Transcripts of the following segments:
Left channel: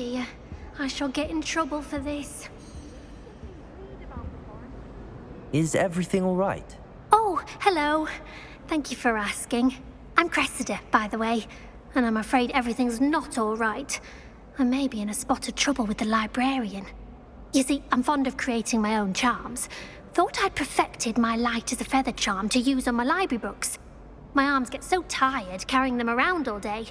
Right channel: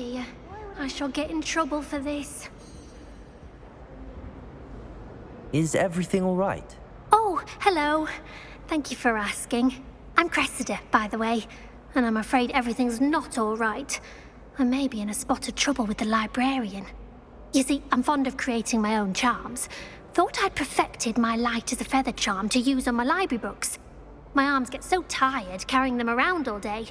dear. I shall get in trouble for this. Is everything all right? Oh, hello. Thank you for asking. I'm Cressida, by the way, and I'm afraid everything's not all right. I may be in a spot of trouble with the librarian. You see, I'm fond of creating my own charms. Thought I'd perfected my light as a feather charm to use on my library books. My arms get so tired carrying them around all day.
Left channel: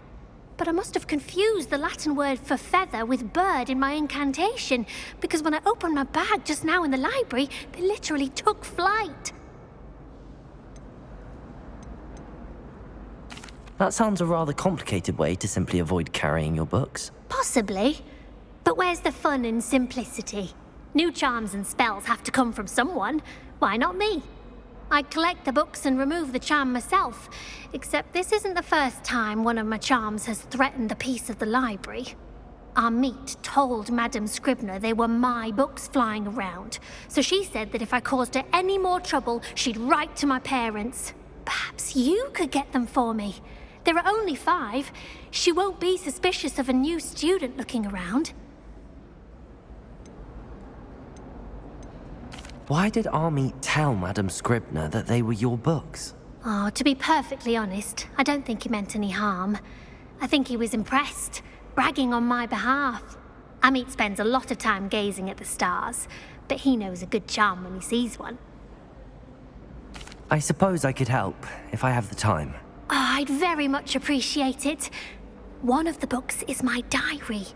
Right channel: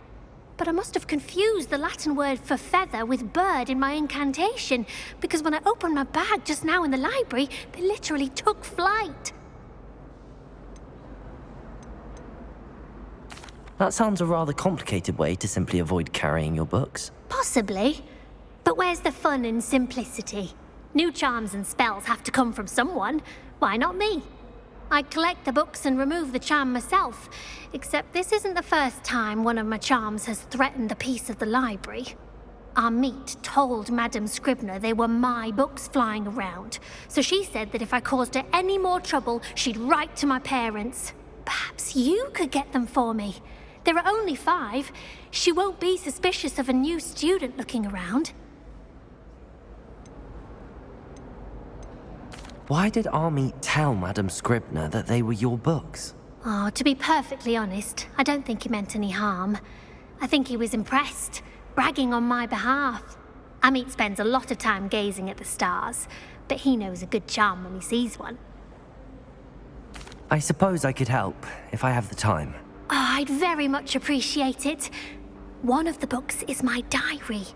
But I must have confused the Latin word for feather with bird in my incantation, because when I opened my bag just now in the library, they literally took flight. That sounds a rather complicated way to simply avoid carrying your books. Possibly. But where's the fun in simplicity? New charms and spells have to come from someone. Why not me? I collect the books and remove the charm myself, except this isn't the first time one of my charms has threatened the peace of the library. Our meet told Madame Scribner they were my books flying around, so she said that if I caused her any more trouble, she'd write to my parents. Perhaps you could get them for me. There are only 5. She won't be suspicious of a new student looking around. Why did our meet tell Madame Scribner that they were your books? Oh, to be perfectly honest, I don't think he meant any harm. I think he was impressed, bragging on my behalf. Amit spends a lot of time gazing at the stars, but he knows a good charm when he sees one. I suppose I could help, if I have the time. Oh, I'd very much appreciate it. One of the books is my diary.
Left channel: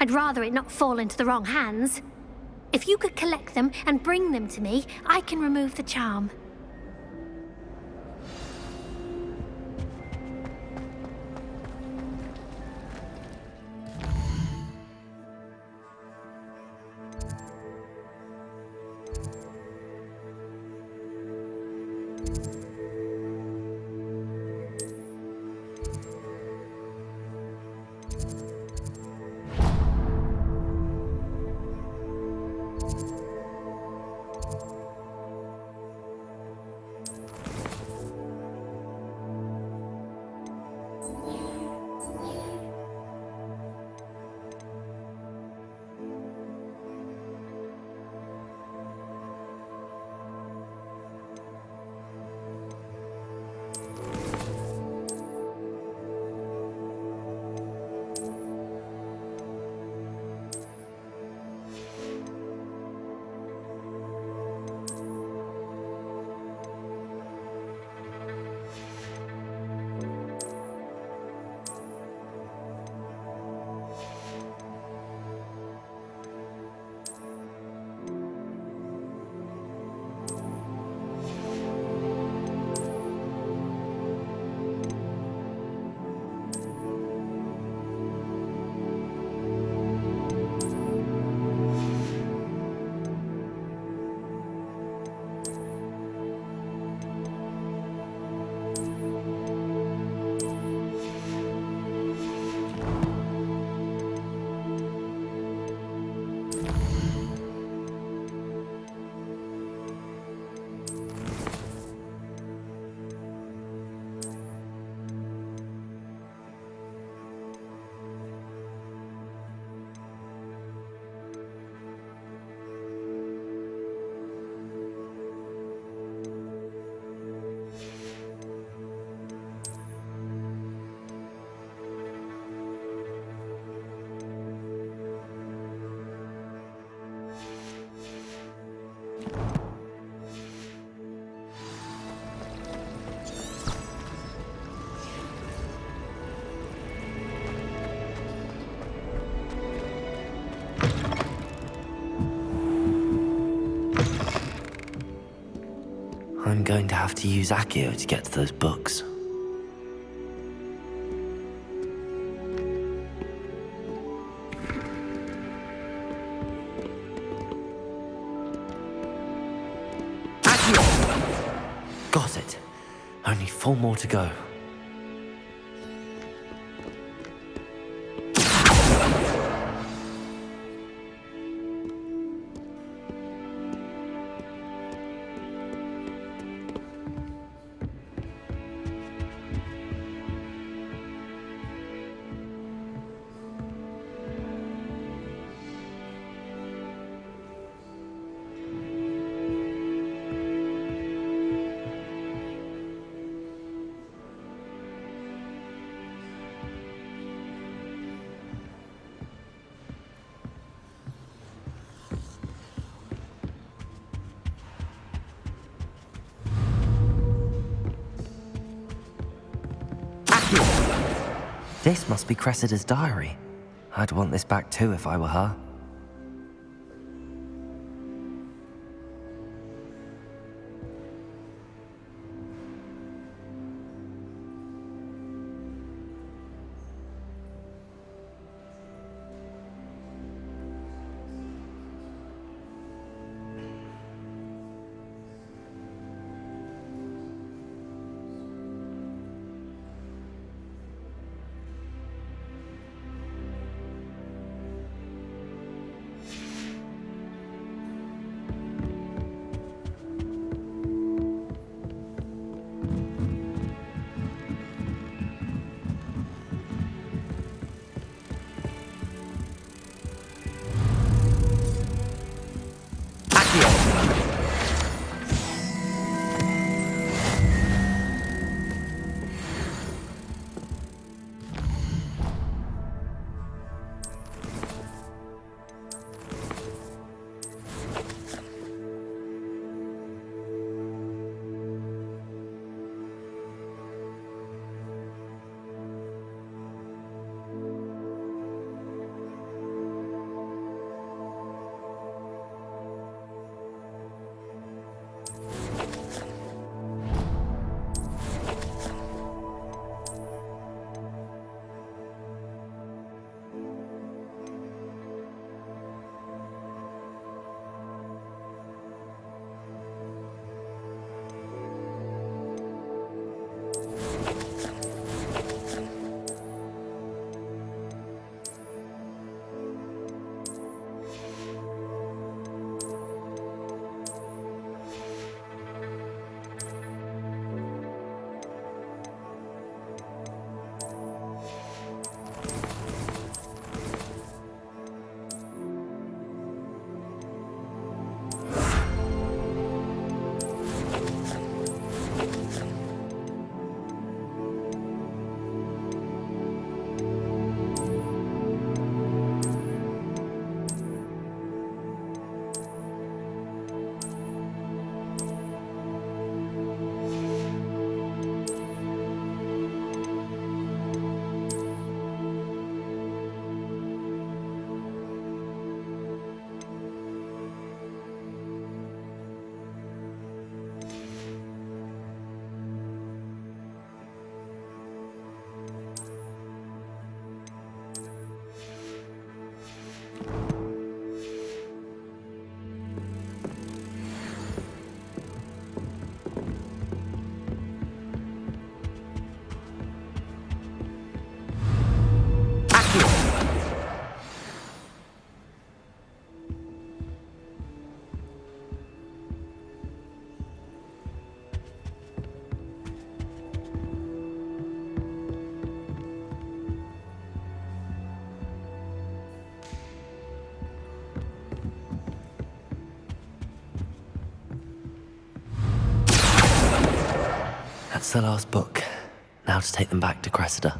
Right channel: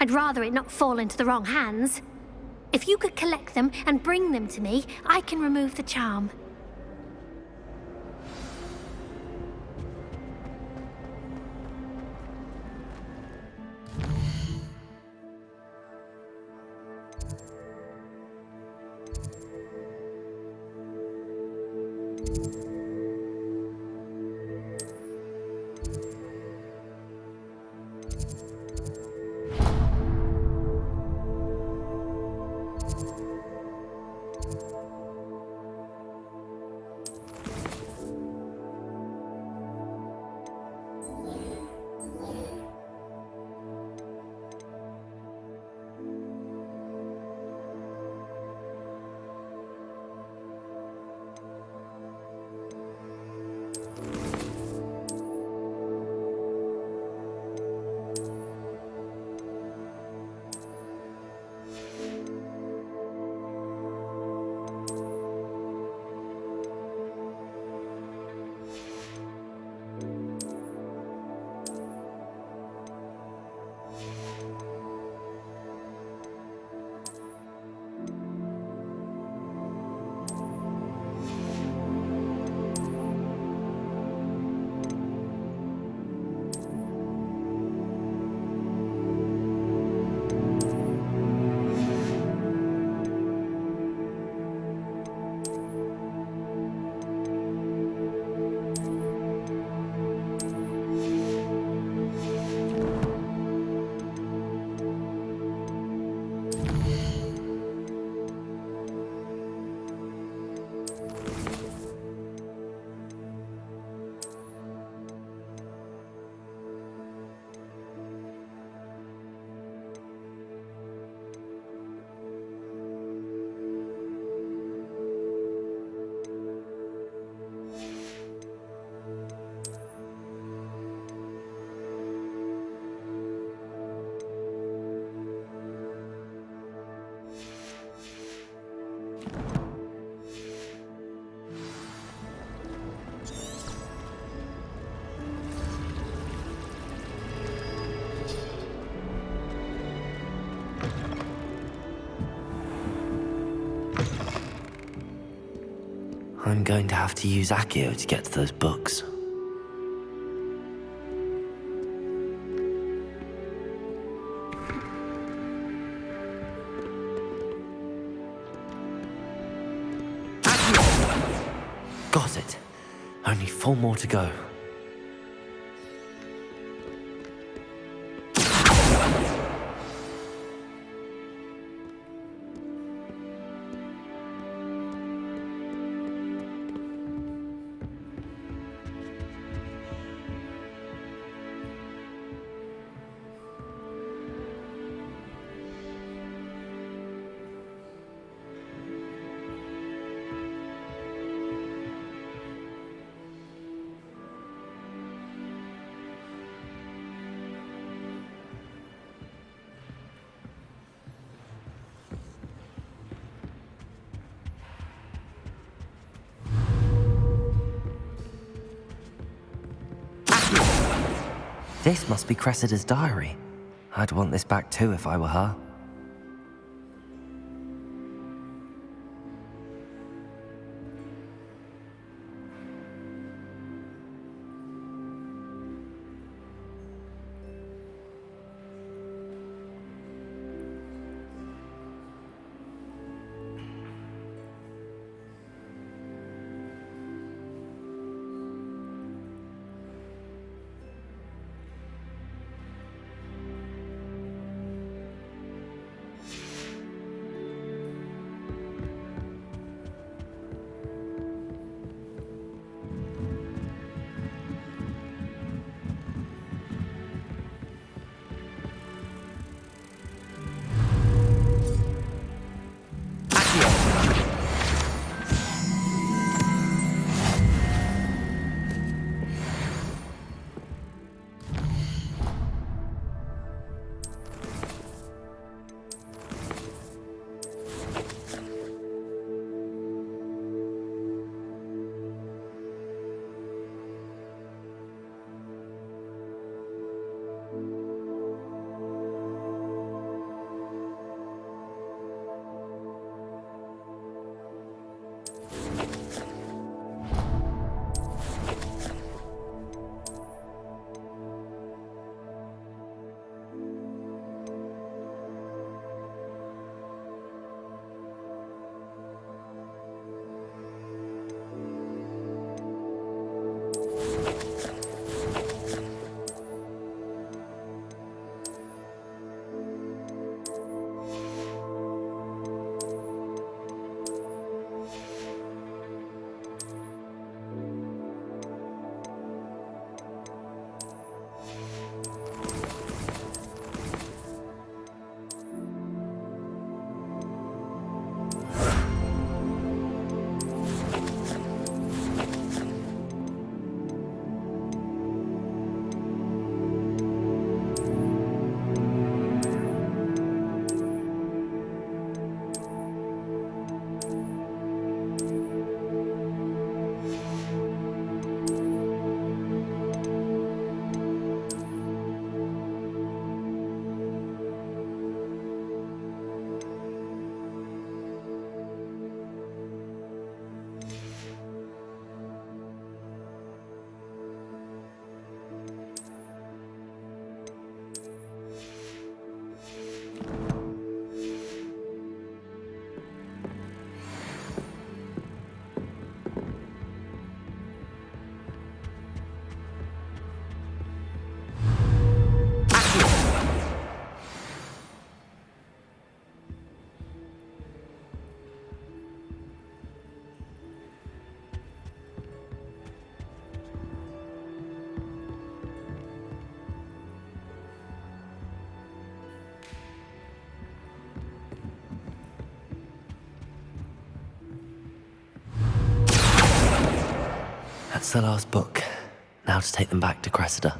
I'd rather it not fall into the wrong hands. If you could collect them and bring them to me, I can remove the charm. I'm going to have to use Accio to get to those books. Accio! Got it. Only 4 more to go. This must be Cressida's diary. I'd want this back too if I were her. That's the last book. Now to take them back to Cressida.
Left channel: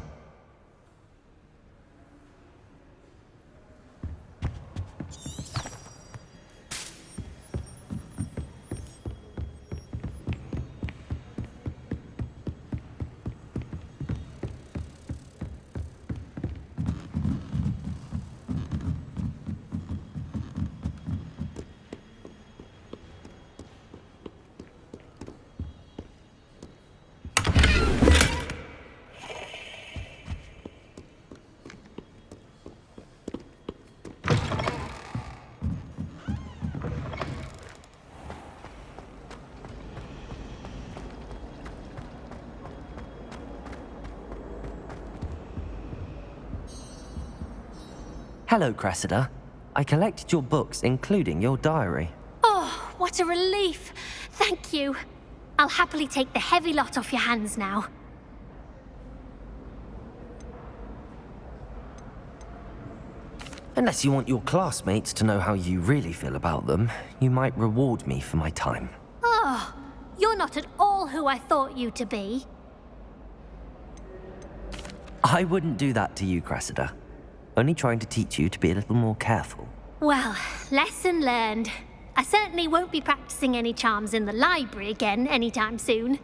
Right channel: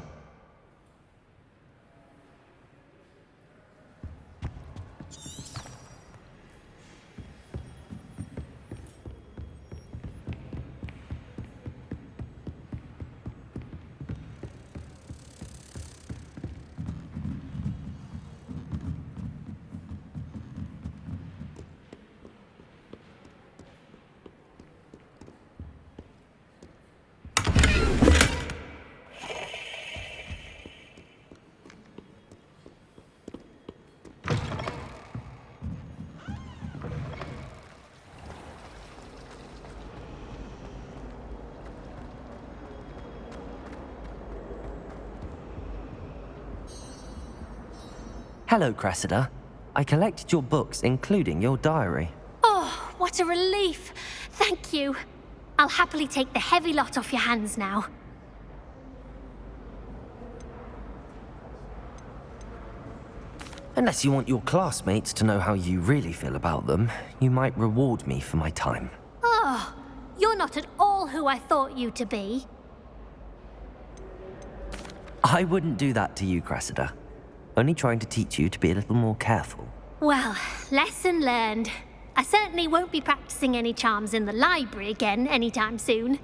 Hello, Cressida. I collected your books, including your diary. Oh, what a relief. Thank you. I'll happily take the heavy lot off your hands now. Unless you want your classmates to know how you really feel about them, you might reward me for my time. Oh, you're not at all who I thought you to be. I wouldn't do that to you, Cressida. Only trying to teach you to be a little more careful. Well, lesson learned. I certainly won't be practicing any charms in the library again anytime soon.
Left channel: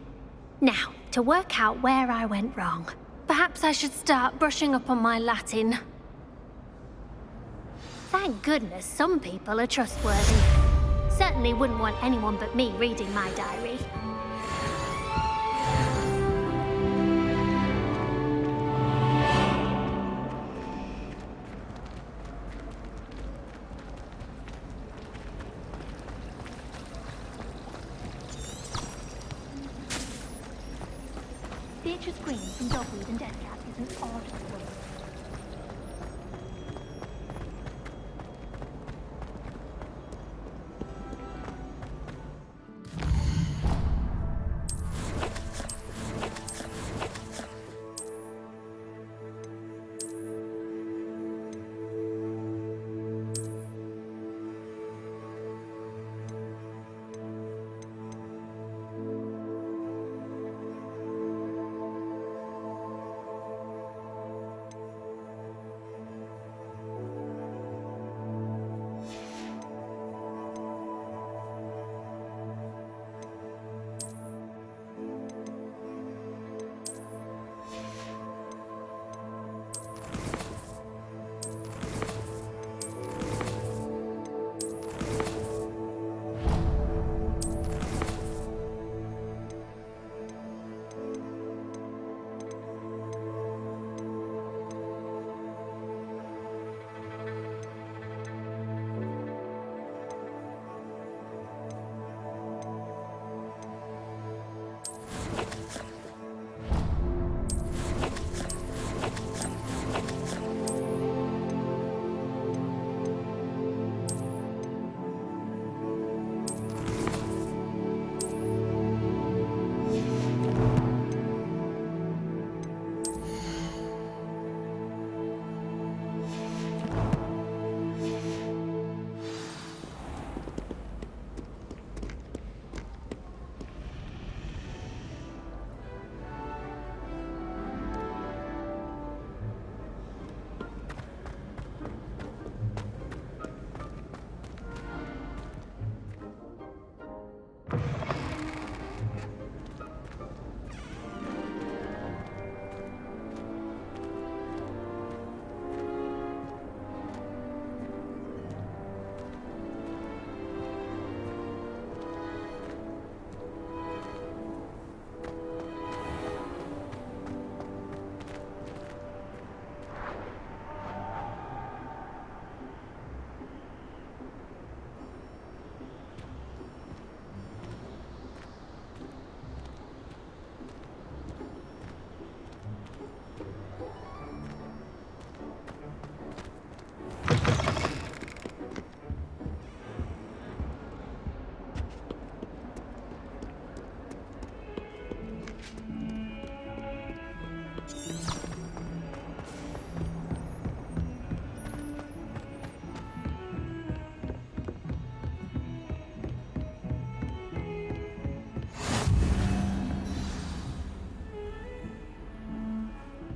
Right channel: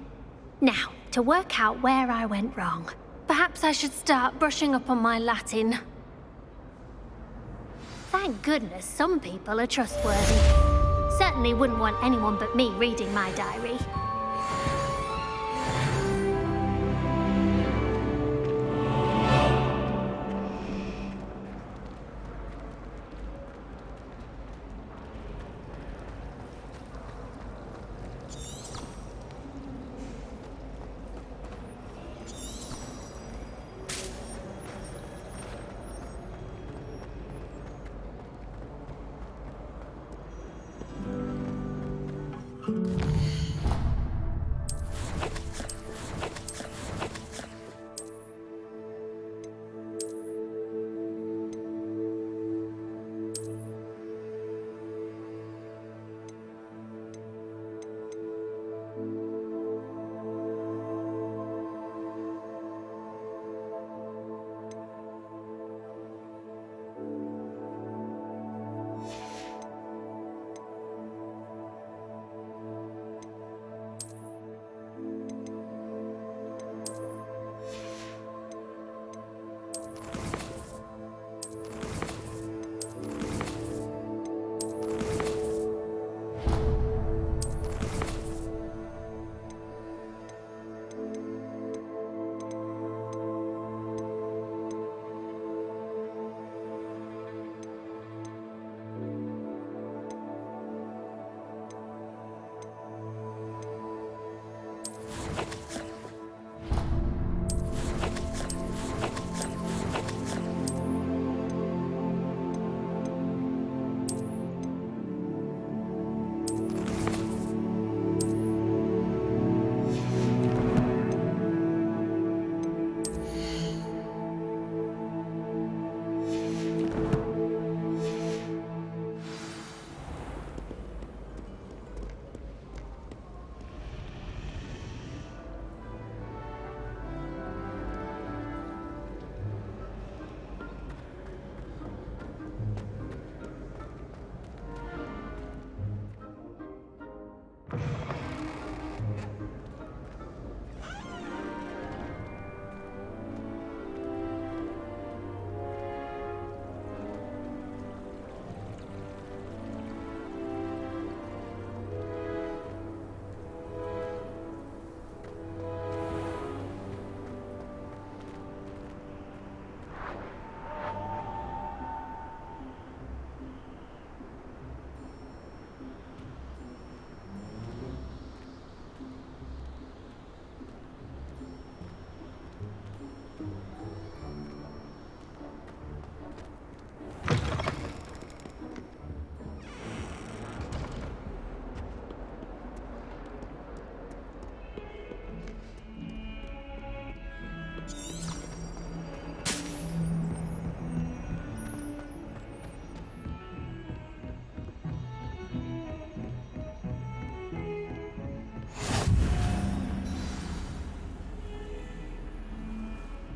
Now, to work out where I went wrong. Perhaps I should start brushing up on my Latin. Thank goodness some people are trustworthy. Certainly wouldn't want anyone but me reading my diary.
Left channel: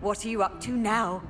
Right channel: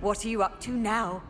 What are you up to now?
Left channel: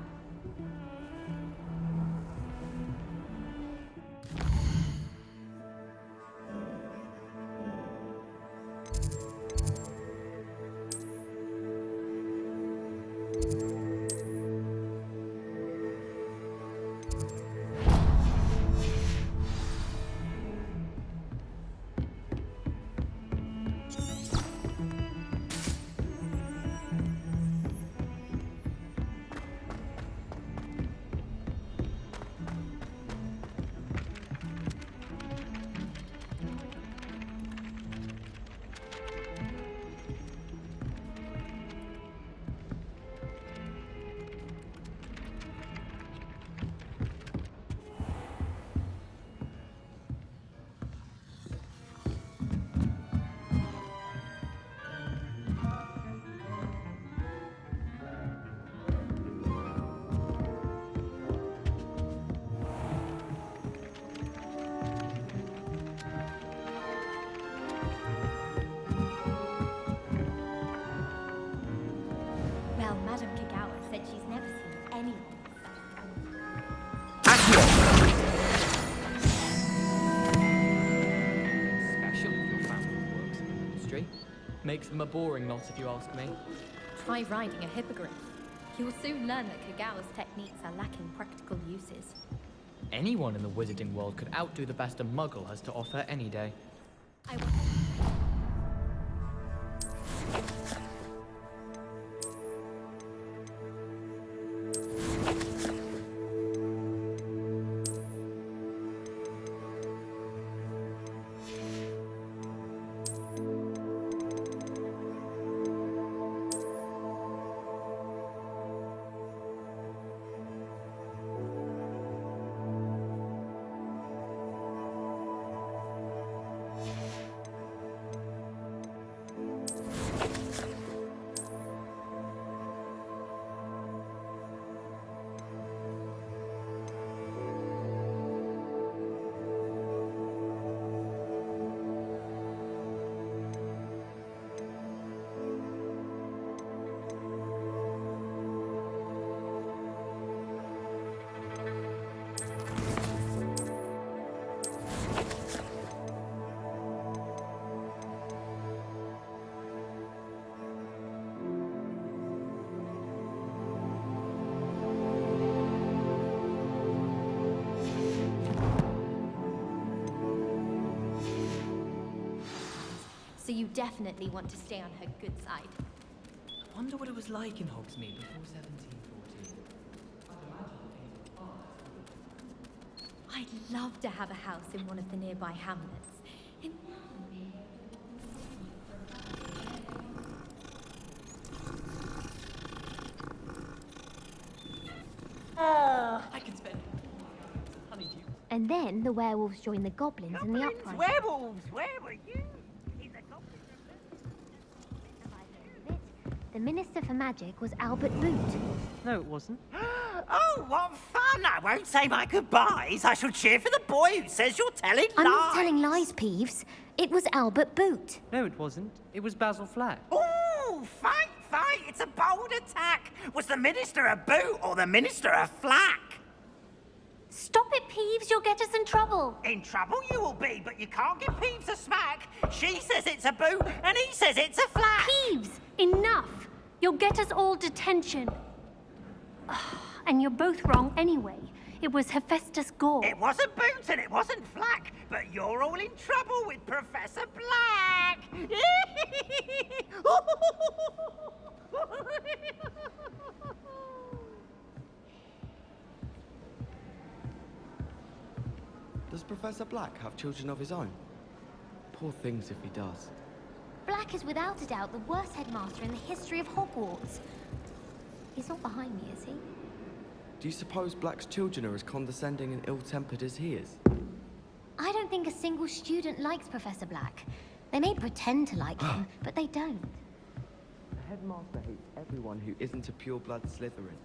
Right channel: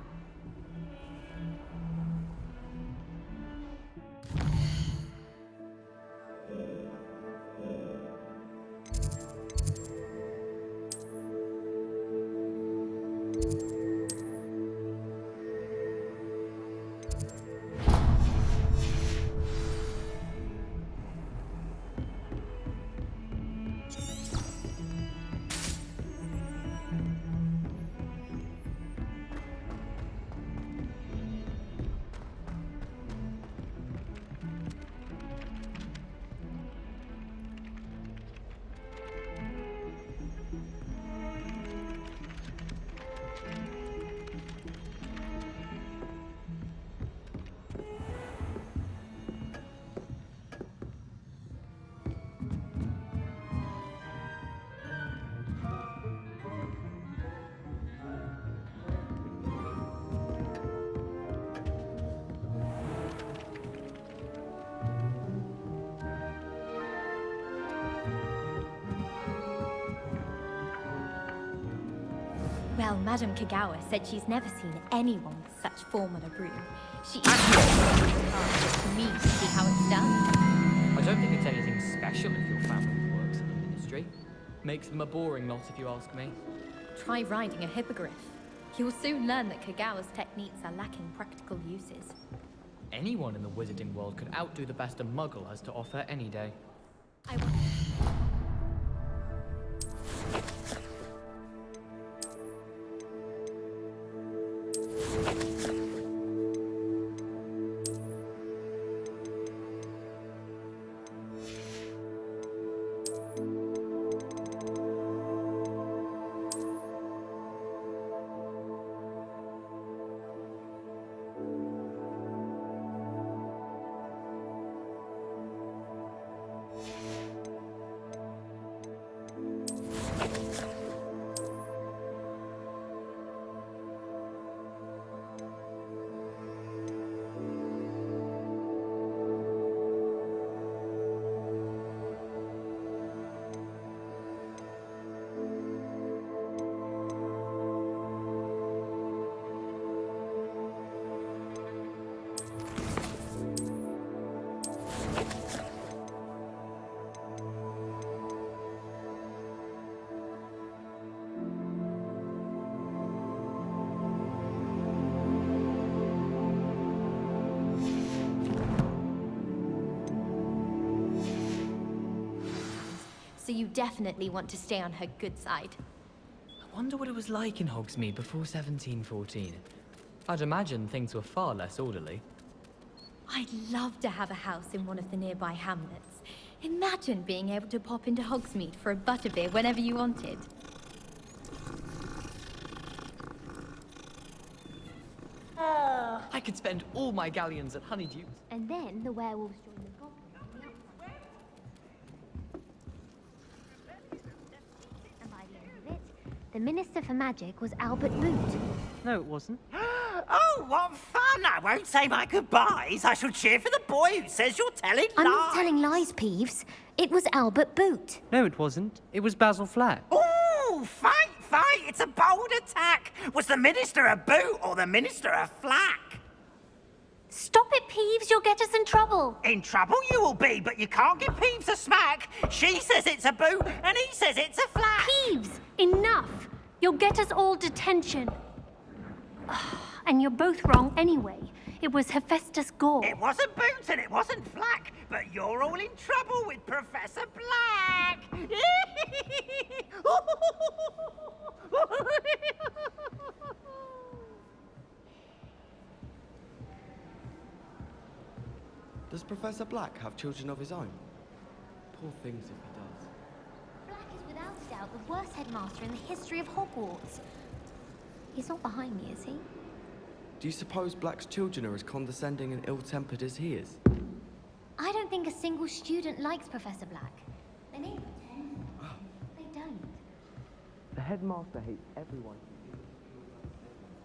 Well, Madame Kagawa said she's never seen anyone with such form of a group. She me to see how it's done. I don't think it's anything special if your family works in the ministry. Makes them a boring lot, if you ask me. Try riding a hippogriff. You'll soon learn that Kagawa's techniques are lacking practical uses. Anyone in the wizarding world could outdo the best a muggle has to offer any day. I will. So you definitely want to stay on her good side. I wonder what it was like in Hogsmeade before 1714. I'd imagine things were far less orderly. I'd love to have a house in one of the nearby hamlets. Imagine being able to pop into Hogsmeade for a butterbeer whenever you wanted. I could spend all my galleons at Honeydukes. And then the werewolves joined the goblins in the uprising. Werewolves, where were you? And by the end of it, the Minister for Magic was Albert Boot. No, it wasn't. Oh, what fun! I won't say my goodbyes. I shall cheer for the boy who says you're telling lies. I'm not telling lies, Peeves. It was Albert Boot. No, it wasn't. It was Basil Flack. Ooh, fight! It's a bold attack. Was the Minister a boot or the Minister a flack? Stop it, Peeves. You'll get us in trouble. In trouble you will be, but you can't give Peeves a smack. She says it's a boot and he says it's a flack. Peeves, enough. You'll get us all detention. And you're both wrong anyway. It was Hephaestus Gore. It wasn't boot and it wasn't flack, but you're all in trouble with Professor Black. Does Professor Black have children of his own? Poor things if he does. Black is without a doubt the worst headmaster in the history of Hogwarts. He's not behind me, is he? Do you suppose Black's children are as condescending and ill-tempered as he is? I don't think a single student likes Professor Black. They may pretend to like him, but they don't. The headmaster hates everyone who isn't a pure-blood Slytherin.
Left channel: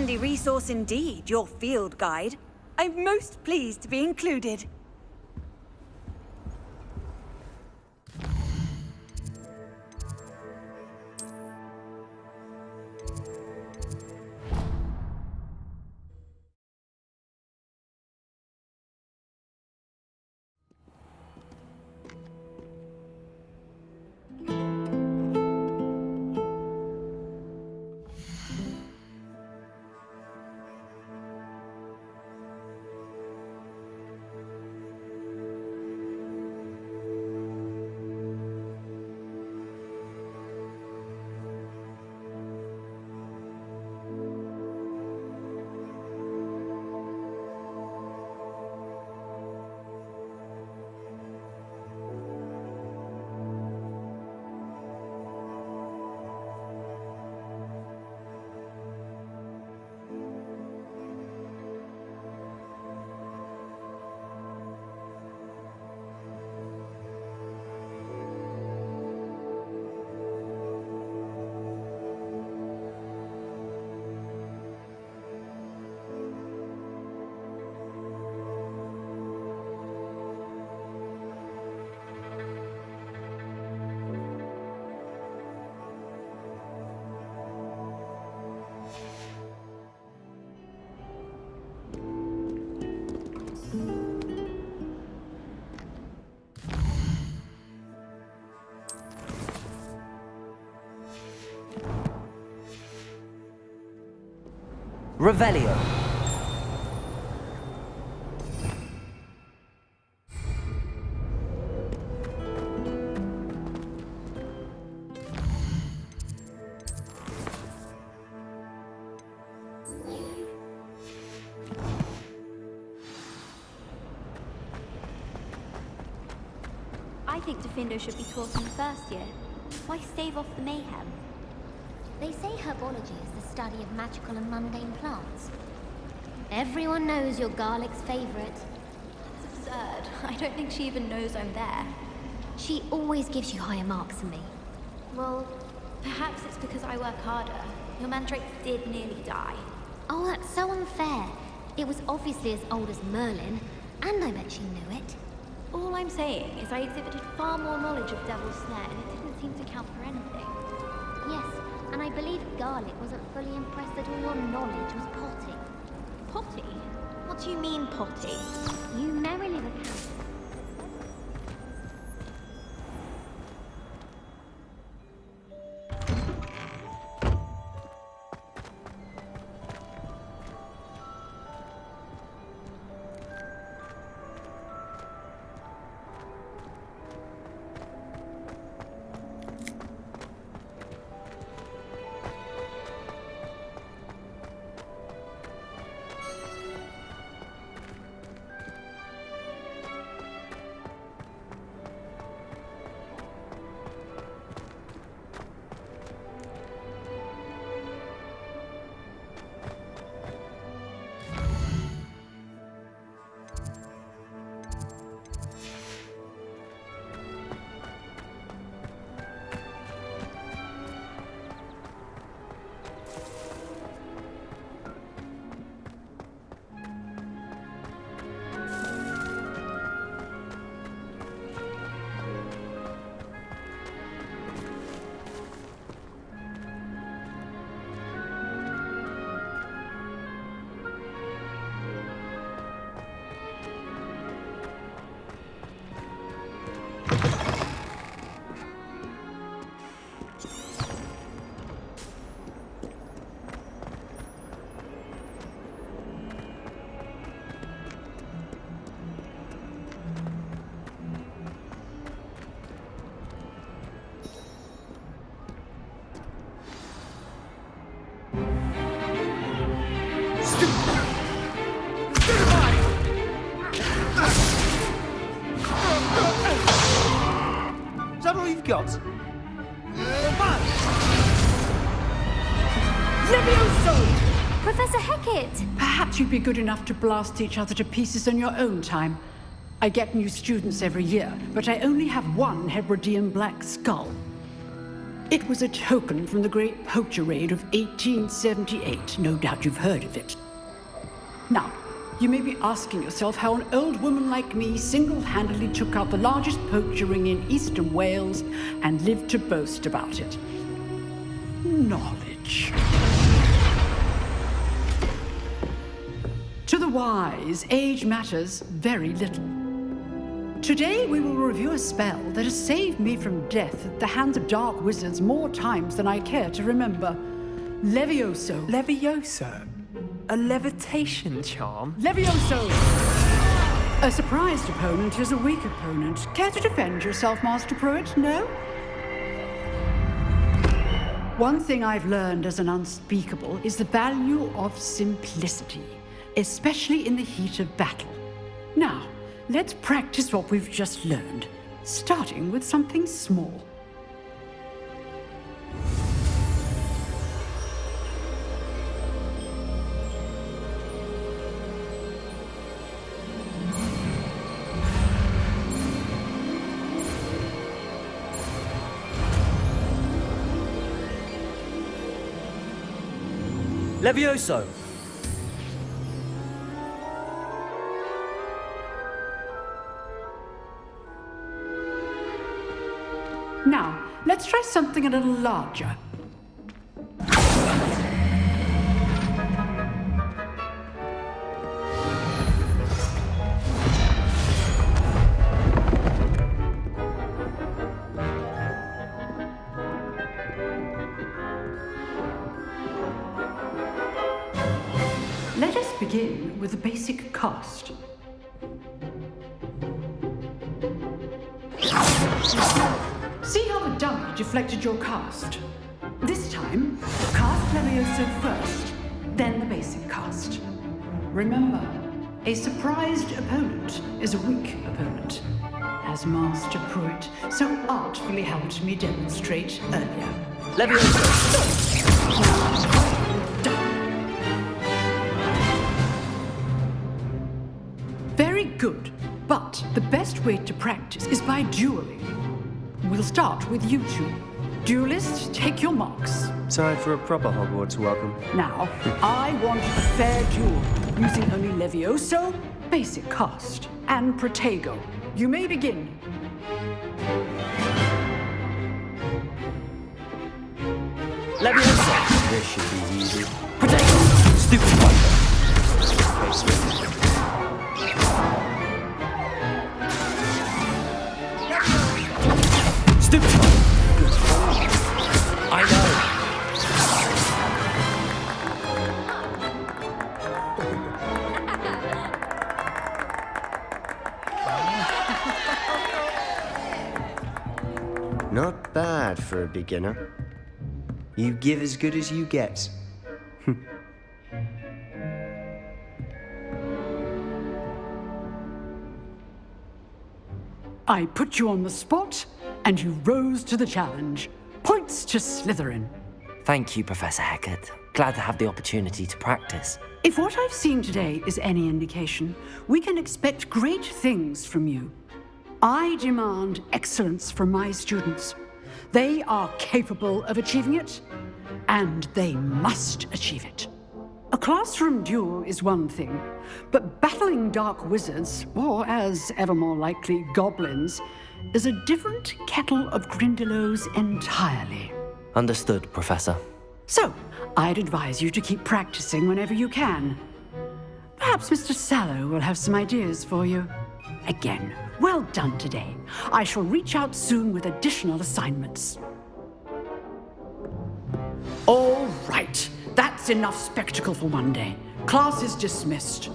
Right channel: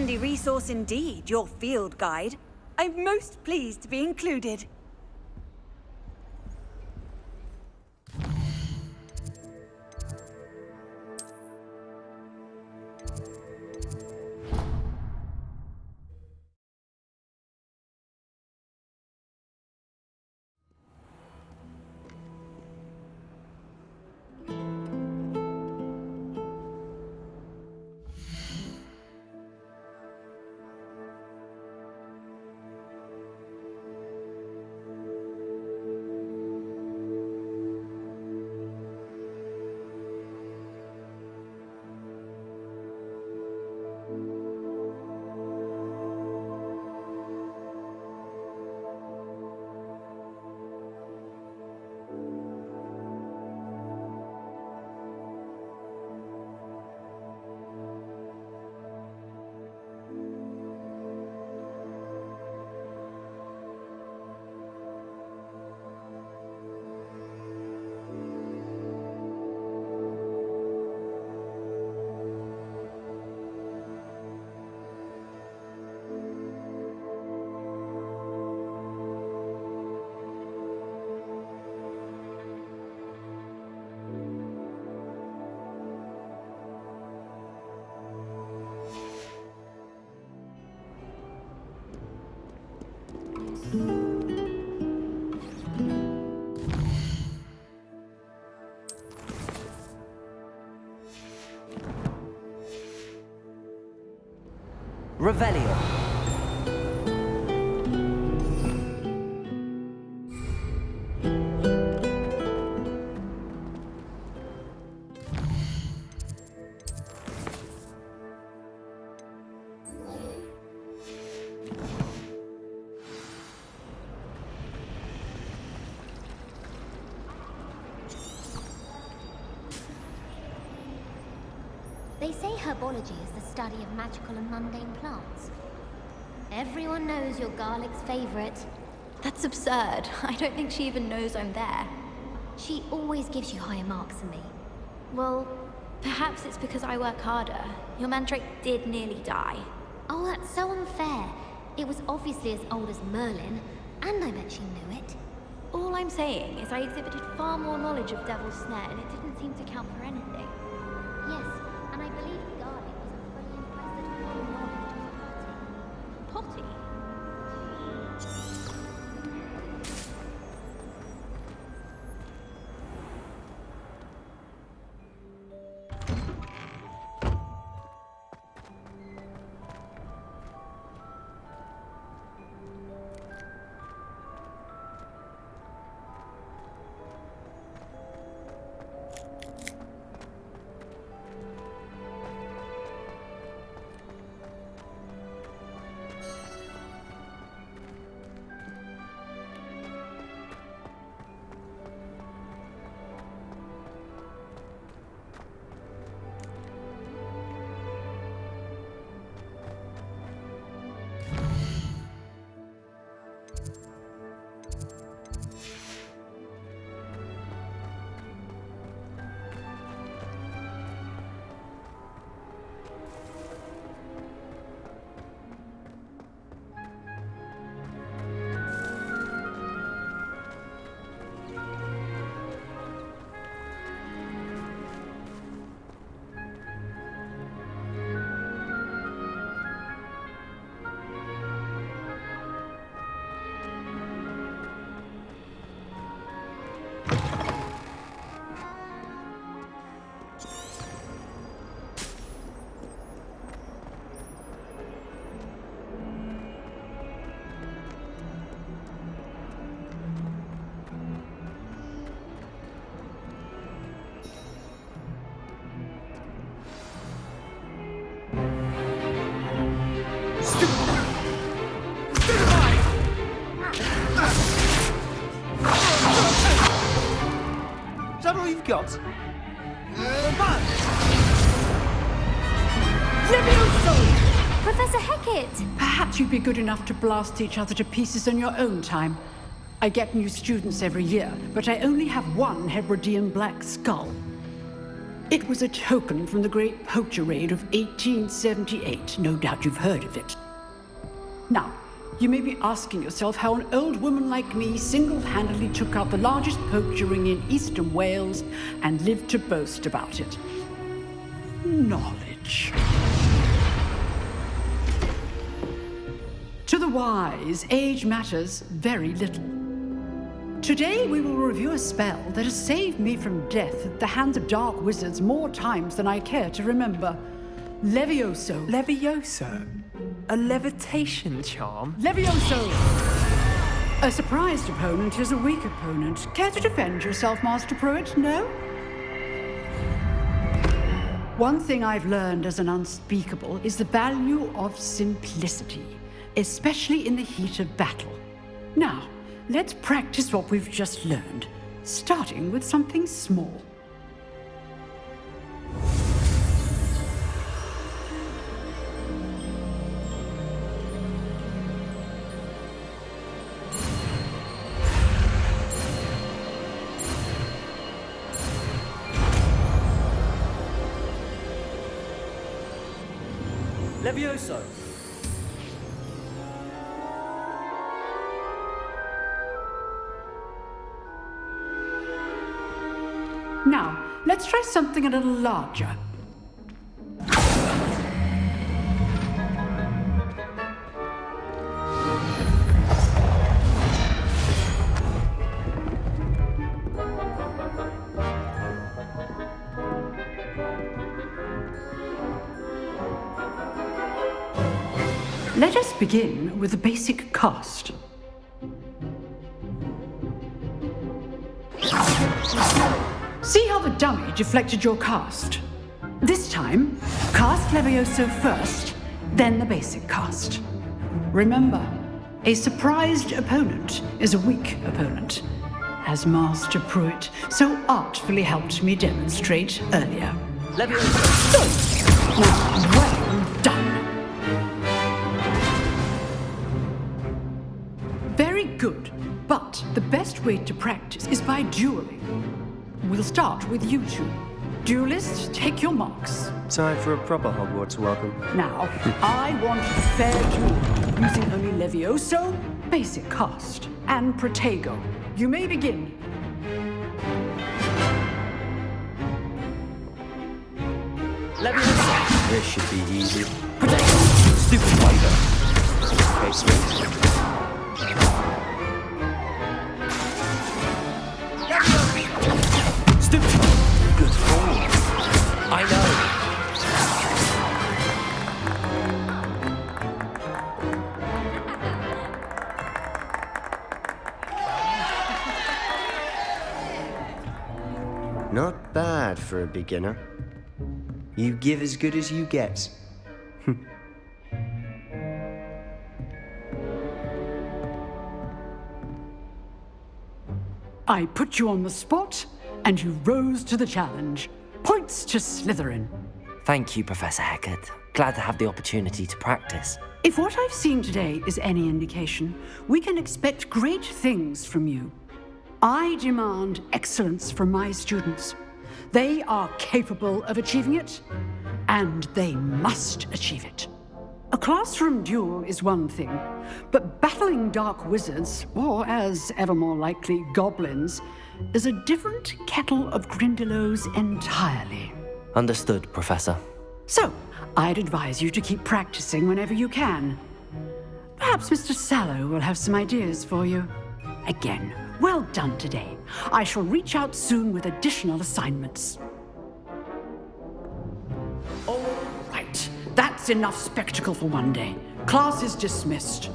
Handy resource indeed, your field guide. I'm most pleased to be included. Revelio. I think Defendo should be taught in the first year. Why stave off the mayhem? They say herbology is the study of magical and mundane plants. Everyone knows you're Garlic's favorite. That's absurd. I don't think she even knows I'm there. She always gives you higher marks than me. Well, perhaps it's because I work harder. Your mandrake did nearly die. Oh, that's so unfair. It was obviously as old as Merlin, and I bet she knew it. All I'm saying is I exhibited far more knowledge of Devil's Snare, and it didn't seem to count for anything. Yes, and I believe Garlic wasn't fully impressed that all your knowledge was potty. Potty? What do you mean, potty? You merely... Is that all you've got? Professor Hecat! Perhaps you'd be good enough to blast each other to pieces in your own time. I get new students every year, but I only have one Hebridean black skull. It was a token from the Great Poacher Raid of 1878. No doubt you've heard of it. Now, you may be asking yourself how an old woman like me single-handedly took out the largest poacher ring in eastern Wales and lived to boast about it. Knowledge. To the wise, age matters very little. Today we will review a spell that has saved me from death at the hands of dark wizards more times than I care to remember. Levioso. Levioso? A levitation charm? Levioso! A surprised opponent is a weak opponent. Care to defend yourself, Master Pruitt? No? One thing I've learned as an unspeakable is the value of simplicity, especially in the heat of battle. Now, let's practice what we've just learned, starting with something small. Levioso! Now, let's try something a little larger. Let us begin with the basic cast. See how the dummy deflected your cast? This time, cast Levioso first, then the basic cast. Remember, a surprised opponent is a weak opponent, as Master Pruitt so artfully helped me demonstrate earlier. Levioso! Now, well done. Very good, but the best way to practice is by dueling. We'll start with you two. Duelists, take your marks. Time for a proper Hogwarts welcome. Now, I want a fair duel, using only Levioso, basic cast, and Protego. You may begin. Levioso! This should be easy. Protego! Stupid wonder! Okay, sweet. Stupid one! Good form. I know! Not bad for a beginner. You give as good as you get. I put you on the spot, and you rose to the challenge. Points to Slytherin. Thank you, Professor Hecat. Glad to have the opportunity to practice. If what I've seen today is any indication, we can expect great things from you. I demand excellence from my students. They are capable of achieving it, and they must achieve it. A classroom duel is one thing, but battling dark wizards, or as ever more likely, goblins, is a different kettle of Grindylows entirely. Understood, Professor. So, I'd advise you to keep practicing whenever you can. Perhaps Mr. Sallow will have some ideas for you. Again, well done today. I shall reach out soon with additional assignments. All right, that's enough spectacle for one day. Class is dismissed.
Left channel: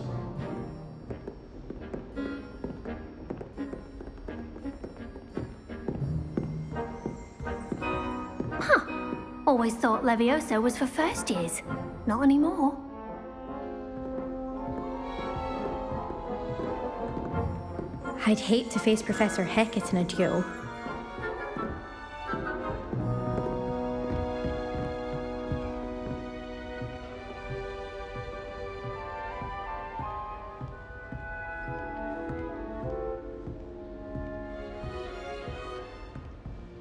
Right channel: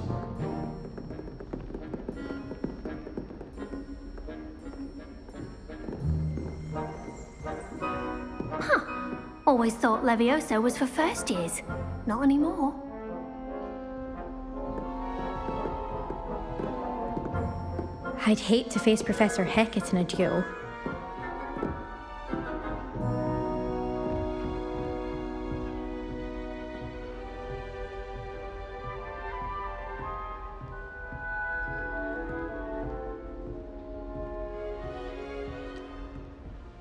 Always thought Levioso was for first years. Not anymore. I'd hate to face Professor Hecat in a duel.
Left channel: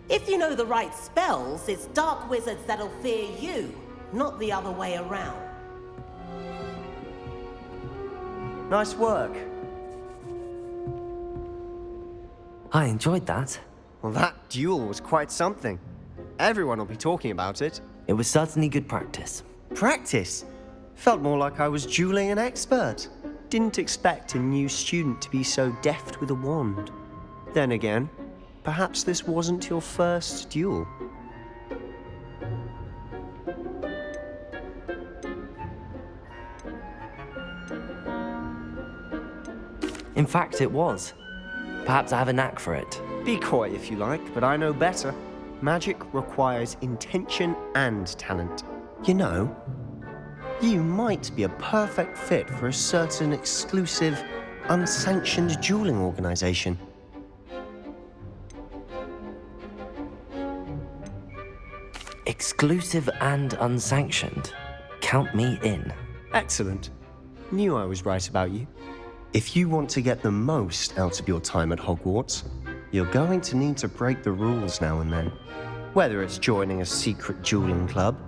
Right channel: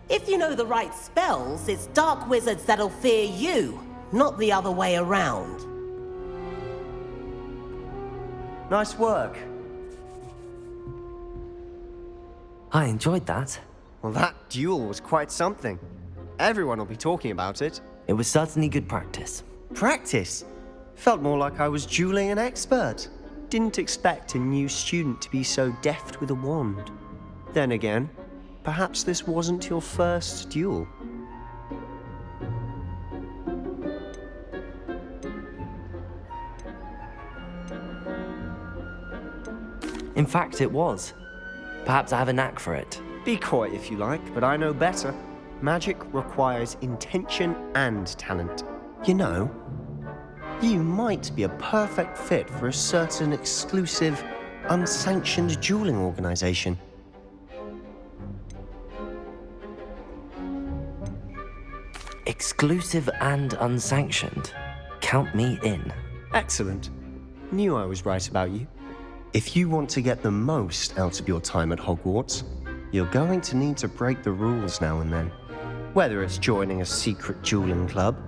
If If you know the right spells, it's dark wizards that'll fear you, not the other way around. Nice work. I enjoyed that. Well, that duel was quite something. Everyone will be talking about it. It was certainly good practice. Practice? Felt more like I was dueling an expert. Didn't expect a new student to be so deft with a wand. Then again, perhaps this wasn't your first duel. In fact, it was. Perhaps I have a knack for it. Be coy if you like, but I know better. Magic requires intention and talent. You know, you might be a perfect fit for a certain exclusive, unsanctioned dueling organization. Exclusive and unsanctioned. Count me in. Excellent. Knew I was right about you. If you want to get the most out of your time at Hogwarts, you're going to need to break the rules now and then. Whether it's joining a secret dueling club,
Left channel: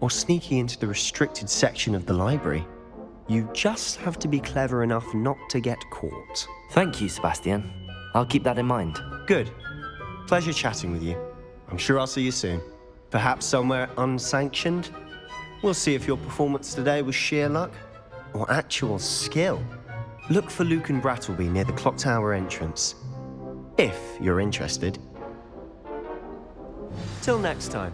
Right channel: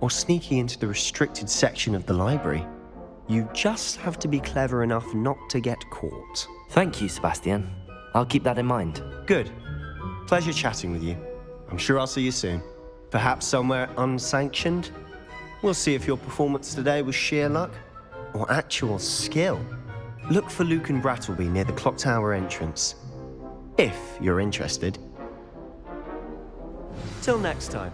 or sneaking into the restricted section of the library, you just have to be clever enough not to get caught. Thank you, Sebastian. I'll keep that in mind. Good. Pleasure chatting with you. I'm sure I'll see you soon. Perhaps somewhere unsanctioned? We'll see if your performance today was sheer luck or actual skill. Look for Luke and Brattleby near the clock tower entrance, if you're interested. Till next time.